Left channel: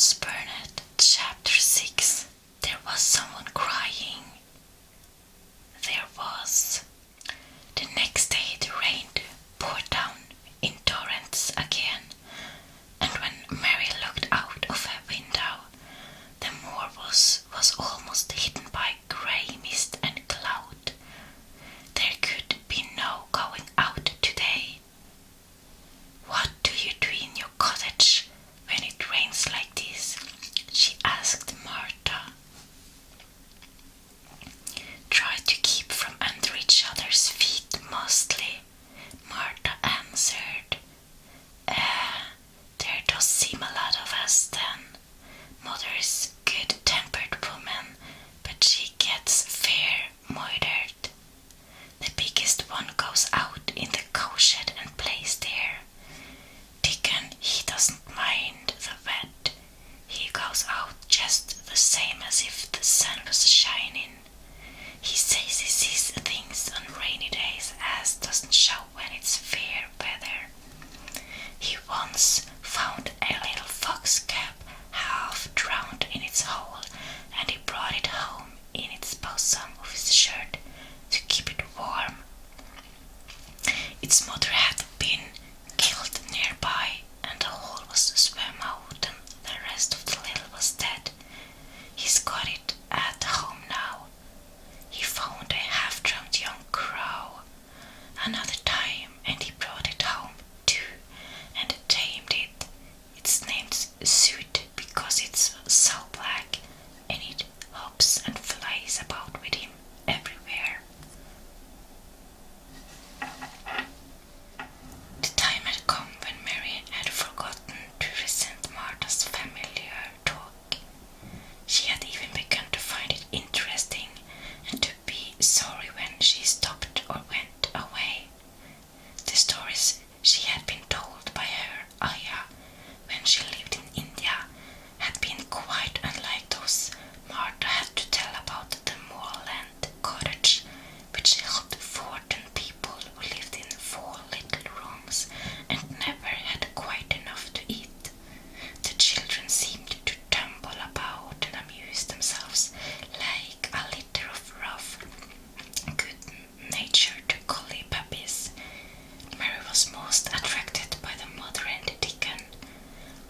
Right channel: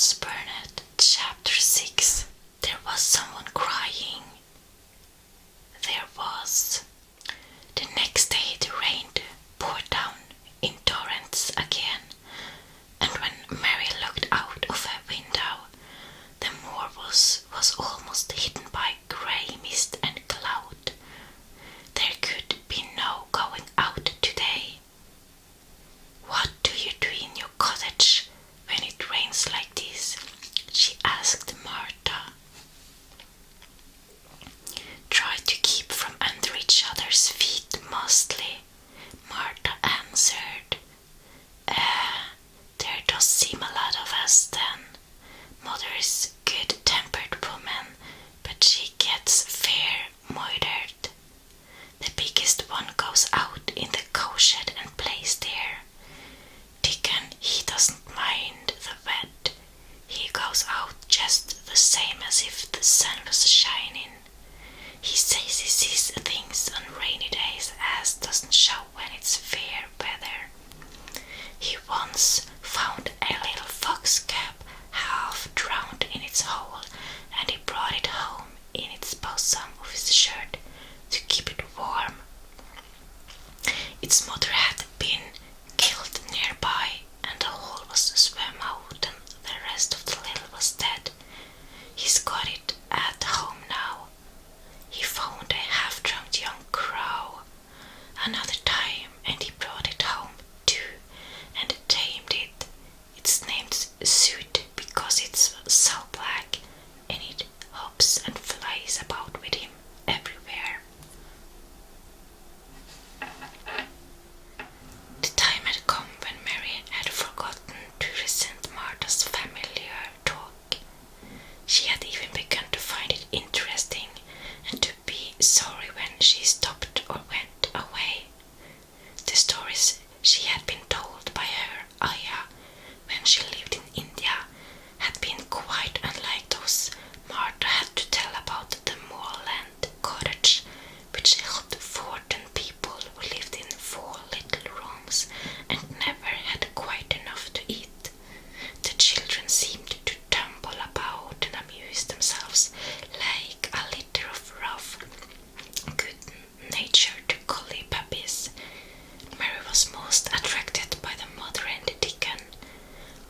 Once Burnett, Chapter 6. There was someone crying. There was. The next day the rain poured down in torrents again, and when Mary looked out of her window, the moor was almost hidden by grey mist and cloud. There could be no going out today. "What do you do in your cottage when it rains like this?" she asked Martha. "Try to keep from under each other's feet mostly," Martha answered. There does seem a lot of us then. Mother's good-tempered woman, but she gets fair moithered. The biggest one goes out in the cowshed and plays there. Dickon, he doesn't mind the wet. He goes out just the same as if the sun was shining. He says he sees things on rainy days as doesn't show when it's fair weather. He once found a little fox cub half drowned in its hole, and he brought it home in its bosom of his shirt to keep it warm. Its mother had been killed nearby, and the hole was swum out and the rest of the little was dead. He's got it at home now. He found a half-drowned young crow another time, and he brought it home too and tamed it. It's named Suit because it's so black, and it hops and flies about with him everywhere. The time had come when Mary had forgotten to resent Martha's familiar talk. She had even begun to find it interesting and to be sorry when she stopped or went away. The stories she had been told by her ayah when she lived in India had been quite unlike those Martha had to tell about the moorland cottage, which held 14 people who lived in 4 little rooms and never had quite enough to eat. The children seemed to tumble about and amuse themselves like a litter of rough, good-natured collie puppies. Mary was most attracted by the mother and the Dickon.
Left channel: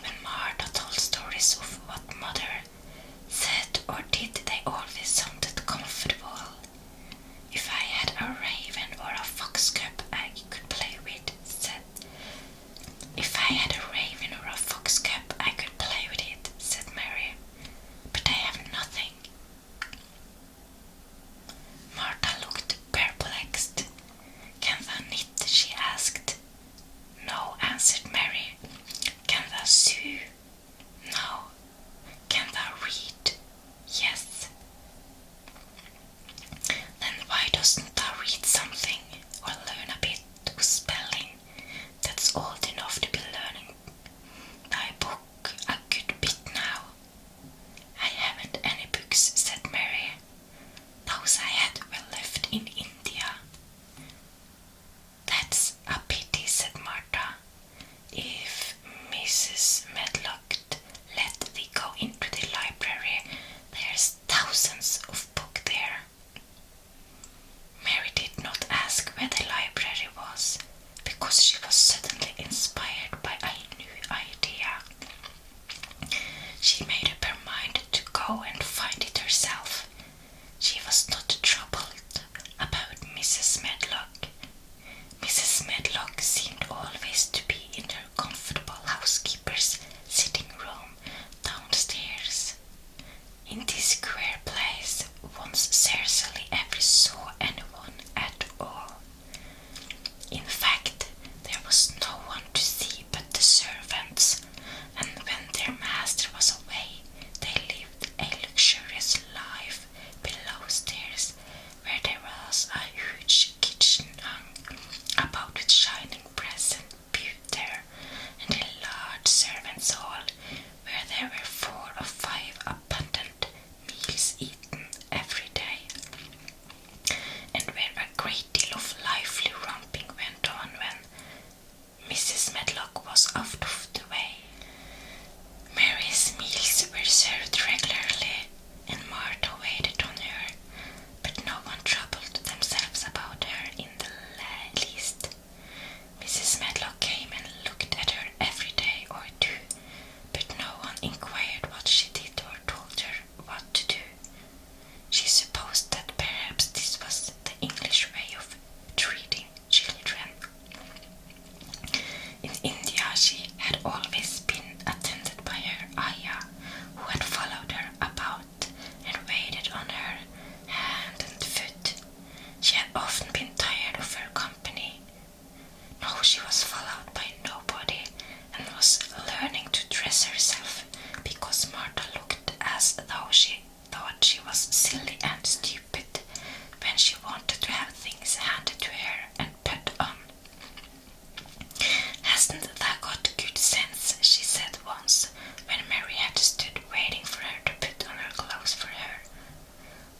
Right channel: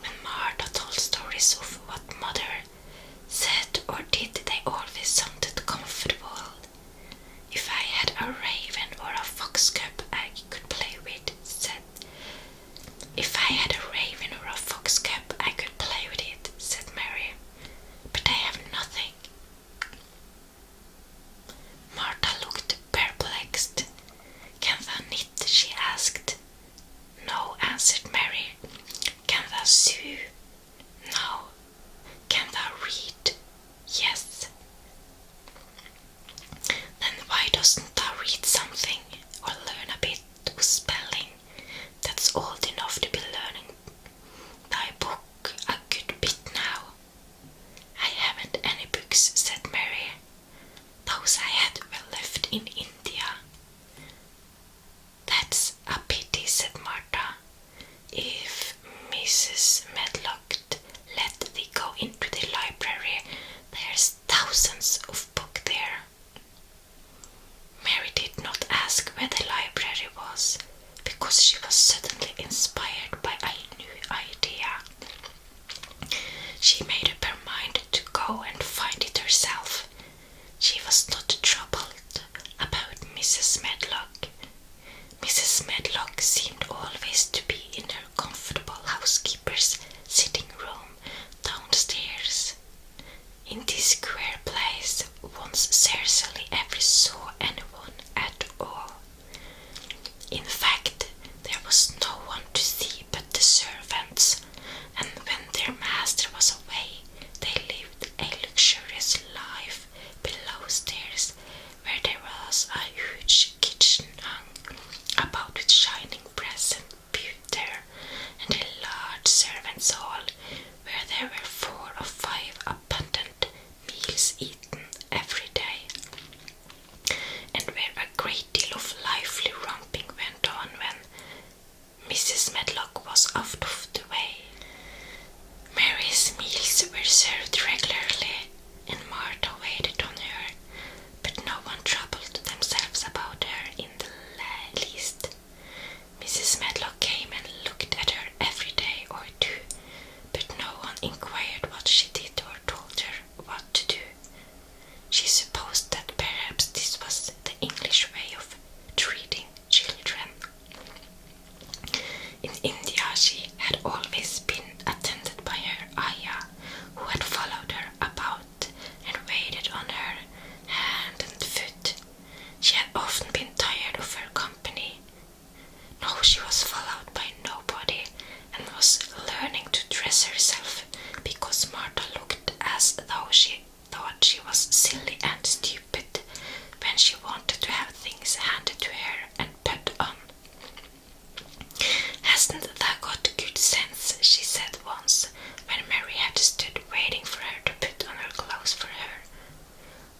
When Martha told stories of what mother said or did, they always sounded comfortable. "If I had a raven or a fox cub I could play with," said. "If I had a raven or a fox cub I could play with it," said Mary. "But I have nothing." Martha looked perplexed. "Can thou knit?" she asked. "No," answered Mary. "Can thou sew?" "No." "Can thou read?" "Yes." "Then why doesn't thou read something or learn a bit of spelling? That's old enough to be learning thy book a good bit now." "I haven't any books," said Mary. "Those I had were left in India." "That's a pity," said Martha. "If Mrs. Medlock let thee go into the library, there's thousands of books there." Mary did not ask where the library was, because she was suddenly inspired by a new idea. She made up her mind to go and find it herself. She was not troubled about Mrs. Medlock. Mrs. Medlock seemed always to be in her comfortable housekeeper's sitting room downstairs. In this queer place once scarcely ever saw anyone at all. In fact, there was no one to see but the servants, and when their master was away, they lived a luxurious life below stairs, where there was a huge kitchen hung about with shining brass and pewter, and a large servants' hall where there were 4 or 5 abundant meals eaten every day, and where a great deal of lively romping went on when Mrs. Medlock was out of the way. Mary's meals were served regularly, and Martha waited on her, but no one troubled themselves about her in the least. Mrs. Medlock came and looked at her every day or two, but no one inquired what she did or told her what to do. She supposed that perhaps this was the English way of treating children. In India she had always been attended by her ayah, who had followed her about and waited on her hand and foot. She had often been tired of her company. Now she was followed by nobody and was learning to dress herself because Martha looked as though she thought she was silly and stupid when she wanted to have things handed to her and put on. "Hasn't thou got good sense?" she said once, when Mary had stood waiting for her to put on her clothes for her.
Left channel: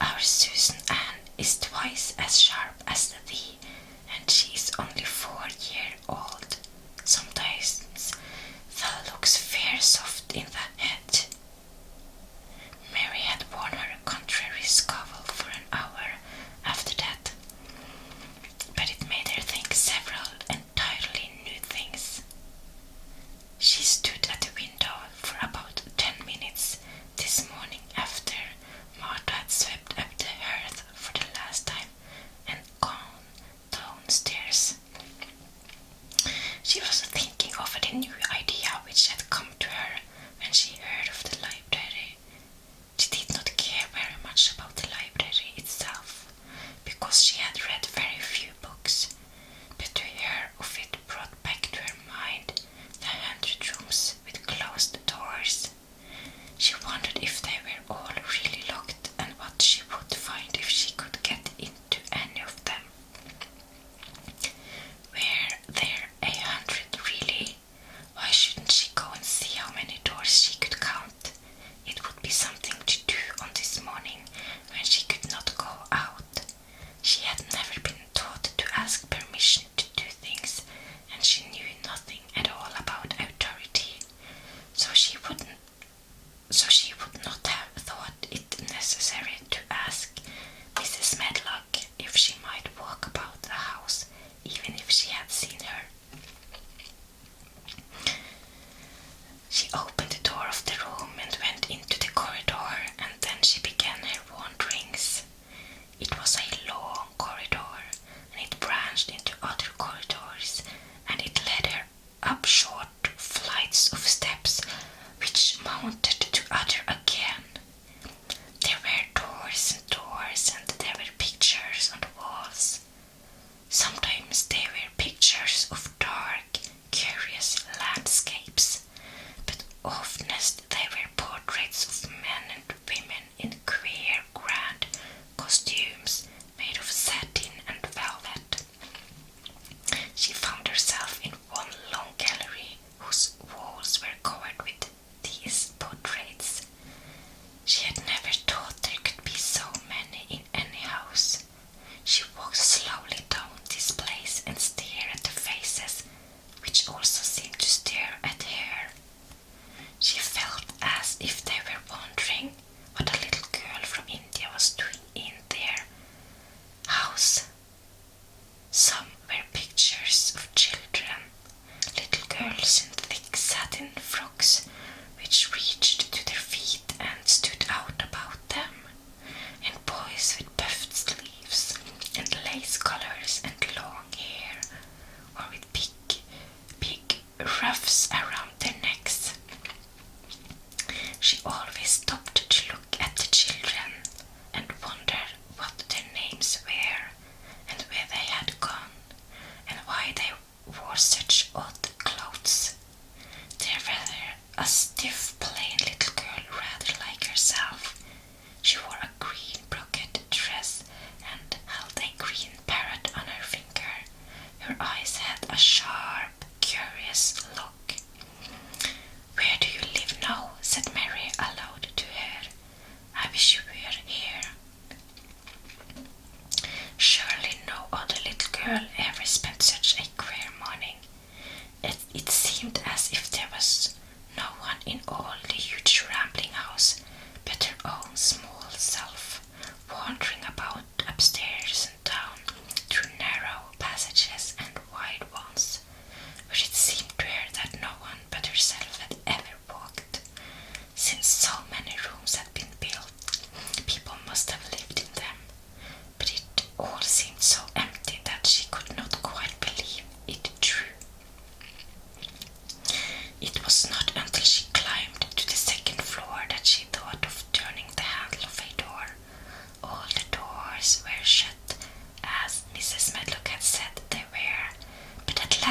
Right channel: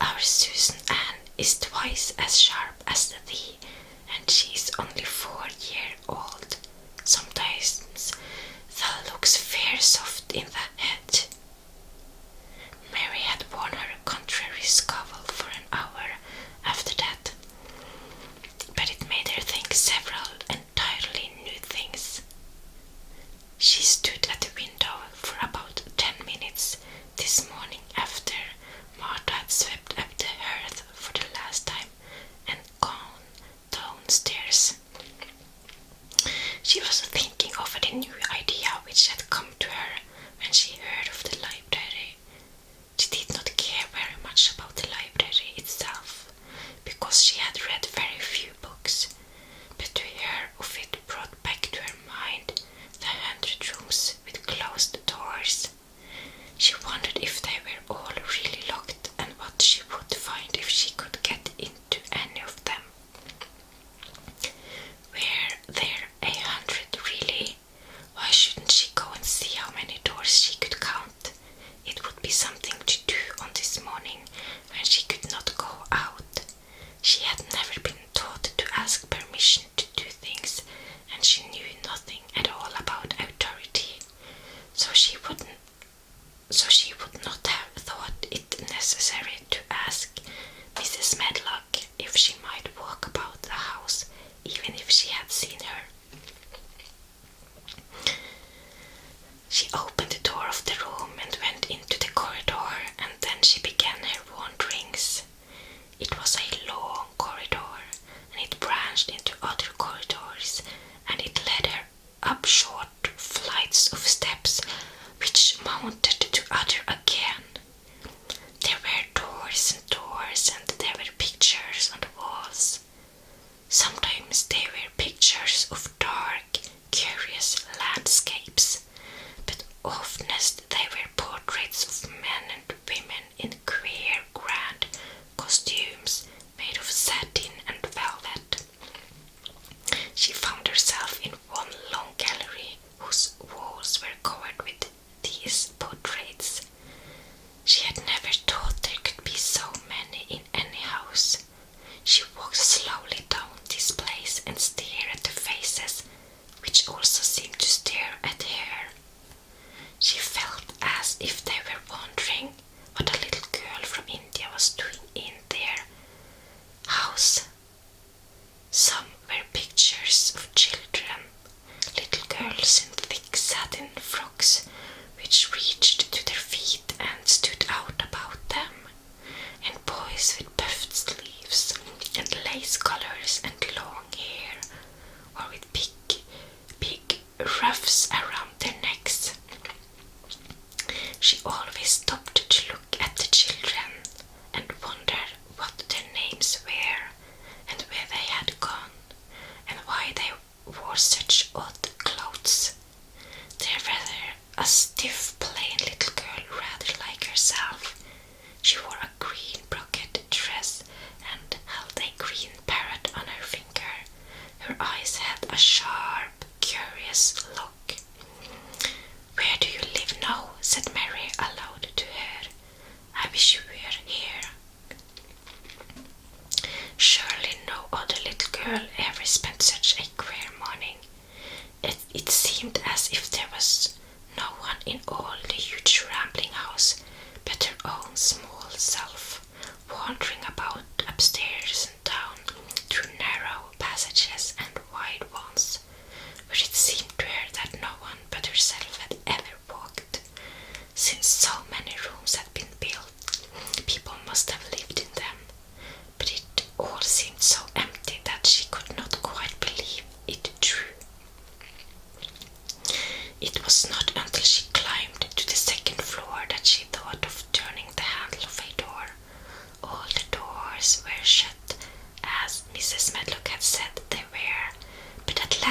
"Our Susan Ann is twice as sharp as thee, and she is only 4 years old. Sometimes thou looks fair soft in the head." Mary had worn her contrary scowl for an hour after that, but it made her think several entirely new things. She stood at the window for about 10 minutes this morning after Martha had swept up the hearth for the last time and gone downstairs. She was thinking over the new idea which had come to her when she heard of the library. She did not care very much about the library itself, because she had read very few books, but to hear of it brought back to her mind the 100 rooms with closed doors. She wondered if they were all really locked and what she would find if she could get into any of them. Were there 100 really? Why shouldn't she go and see how many doors she could count? It would be something to do on this morning when she could not go out. She had never been taught to ask permission to do things, and she knew nothing at all about authority, so she would not have thought it necessary to ask Mrs. Medlock if she might walk about the house, even if she had seen her. She opened the door of the room and went into the corridor, and then she began her wanderings. It was a long corridor, and it branched into other corridors, and it led her up short flights of steps which mounted to other again. There were doors and doors, and there were pictures on the walls. Sometimes they were pictures of dark, curious landscapes, but oftenest they were portraits of men and women in queer, grand costumes made of satin and velvet. She found herself in one long gallery whose walls were covered with these portraits. She had never thought there could be so many in any house. She walked slowly down this place and stared at the faces, which also seemed to stare at her. She felt as if they were wondering what a little girl from India was doing in their house. Some were pictures of children, little girls in thick satin frocks which reached to their feet and stood out about them, and boys with puffed sleeves and lace collars and long hair, or with big ruffs around their necks. She always stopped to look at the children and wondered what their names were and where they had gone and why they wore such odd clothes. There was a stiff, plain little girl rather like herself. She wore a green brocade dress and held a green parrot on her finger. Her eyes had a sharp, curious look. "Where do you live now?" said Mary aloud to her. "I wish you were here." Surely no other little girl ever spent such a queer morning. It seemed as if there was no one in all the huge rambling house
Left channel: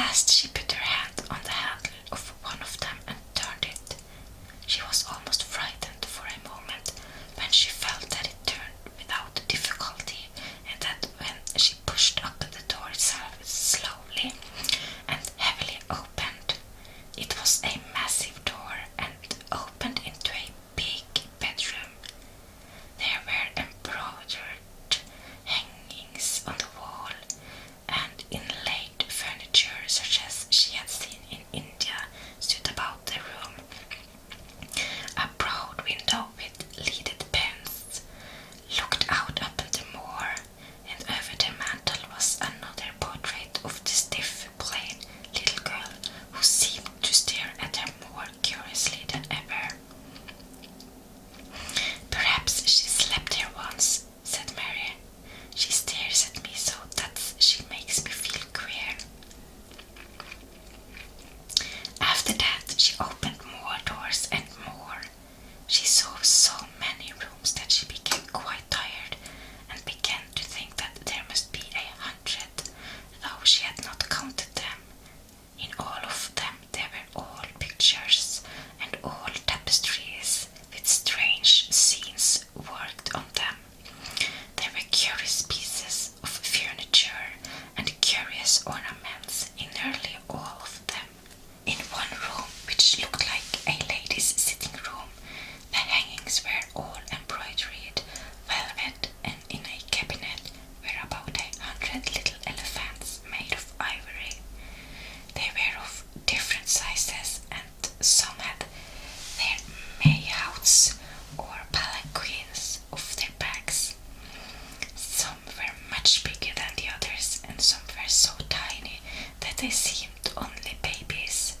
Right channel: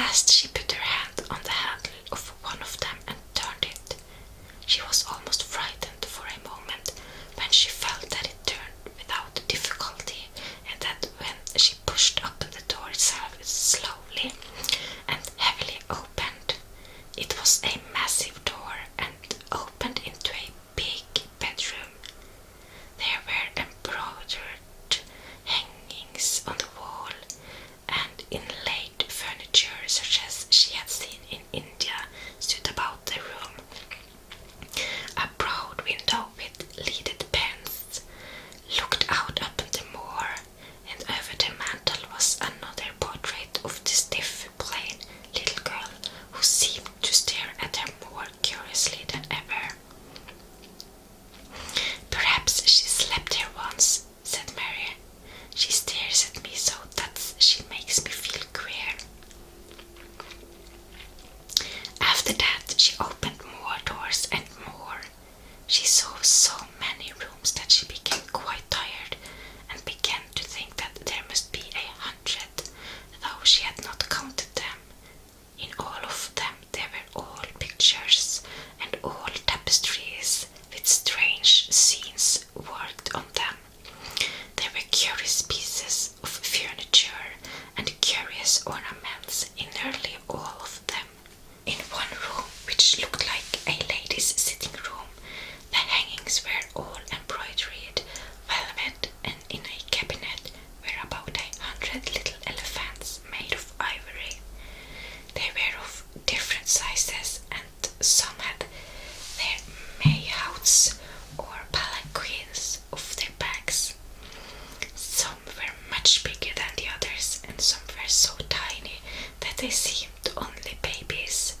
last she put her hand on the handle of one of them and turned it. She was almost frightened for a moment when she felt that it turned without difficulty, and that when she pushed up the door itself slowly and heavily opened, it was a massive door and opened into a big bedroom. There were embroidered hangings on the wall and inlaid furniture such as she had seen in India stood about the room. A broad window with leaded panes looked out upon the moor, and over the mantel was another portrait of the stiff, plain little girl who seemed to stare at her more curiously than ever. "Perhaps she slept here once," said Mary. "She stares at me so that she makes me feel queer." After that she opened more doors and more. She saw so many rooms that she became quite tired and began to think that there must be 100, though she had not counted them. In all of them there were old pictures and old tapestries with strange scenes worked on them. There were curious pieces of furniture and curious ornaments in nearly all of them. In one room, which looked like a lady's sitting room, the hangings were all embroidered velvet, and in a cabinet were about 100 little elephants made of ivory. They were of different sizes, and some had their mayhouts or palanquins of their backs. Some were much bigger than the others, and some were so tiny that they seemed only babies.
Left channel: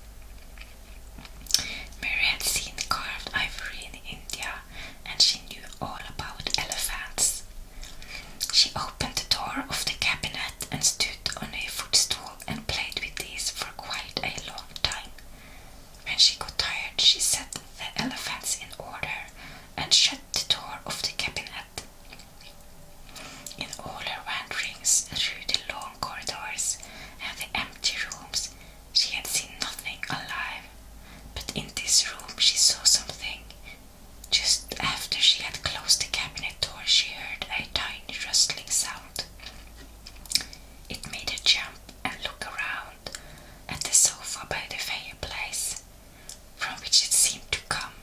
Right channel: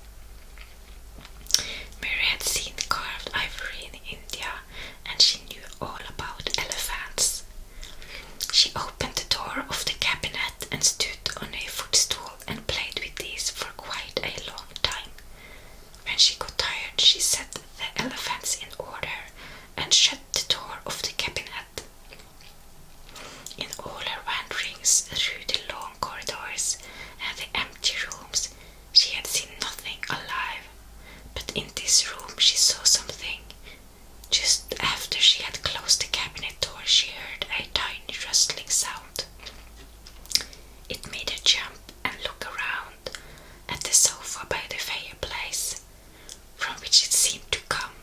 Mary had seen carved ivory in India, and she knew all about elephants. She opened the door of the cabinet and stood on a footstool and played with these for quite a long time. When she got tired, she set the elephants in order and shut the door of the cabinet. In all her wanderings through the long corridors and the empty rooms, she had seen nothing alive. But in this room she saw something. Just after she had closed the cabinet door, she heard a tiny rustling sound. It made her jump and look around at the sofa by the fireplace, from which it seemed to come.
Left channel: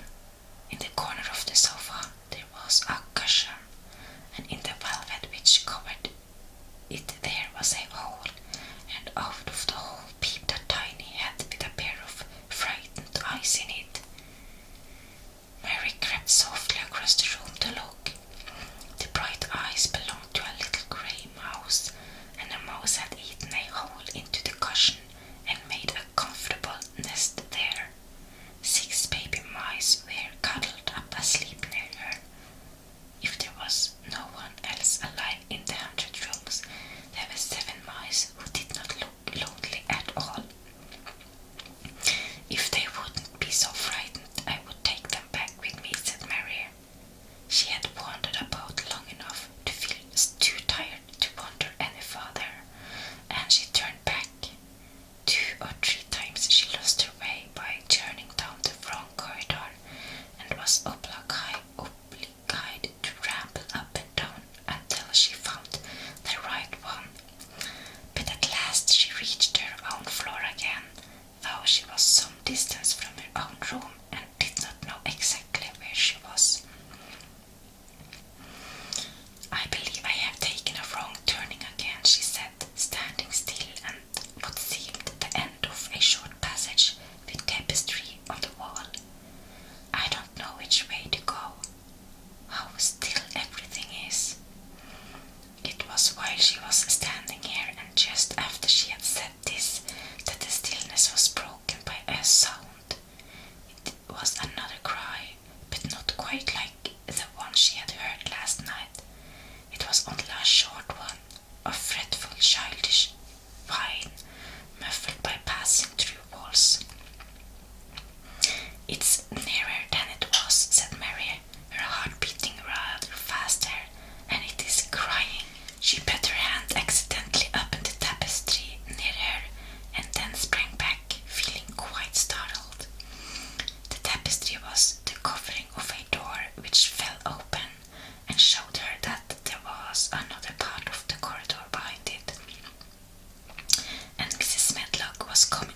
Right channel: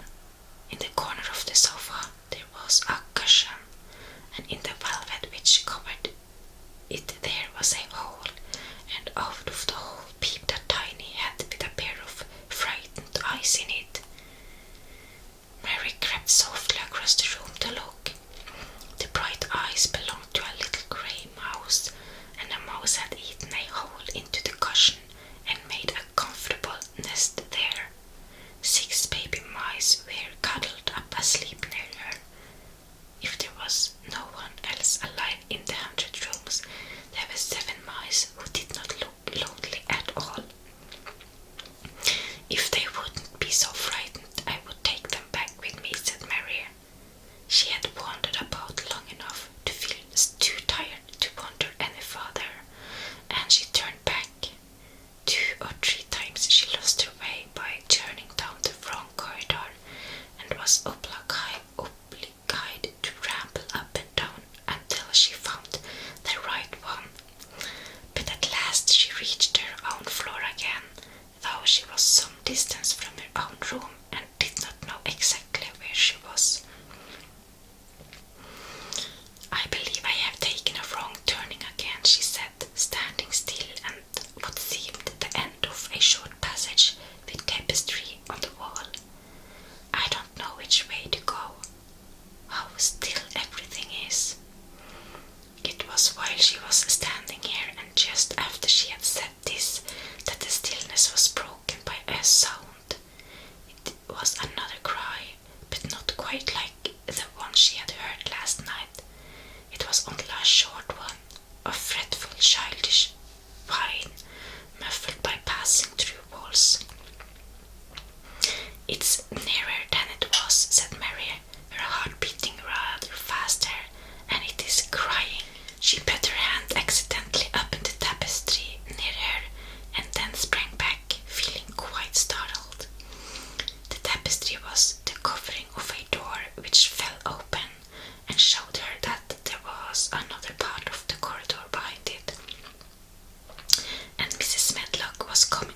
In the corner of the sofa there was a cushion, and in the velvet which covered it there was a hole, and out of the hole peeped a tiny head with a pair of frightened eyes in it. Mary crept softly across the room to look. The bright eyes belonged to a little grey mouse, and the mouse had eaten a hole into the cushion and made a comfortable nest there. 6 baby mice were cuddled up asleep near her. If there was no one else alive in the 100 rooms, there were 7 mice who did not look lonely at all. "If they wouldn't be so frightened, I would take them back with me," said Mary. She had wandered about long enough to feel too tired to wander any farther, and she turned back. 2 or 3 times she lost her way by turning down the wrong corridor, and was obliged to ramble up and down until she found the right one. But at last she reached her own floor again, though she was some distance from her own room and did not know exactly where she was. "I believe I have taken a wrong turning again," she said, standing still at what seemed the end of a short passage with tapestry on the wall. "I don't know which way to go. How still everything is." It was while she was standing here, and just after she had said this, that the stillness was broken by a sound. It was another cry, was coming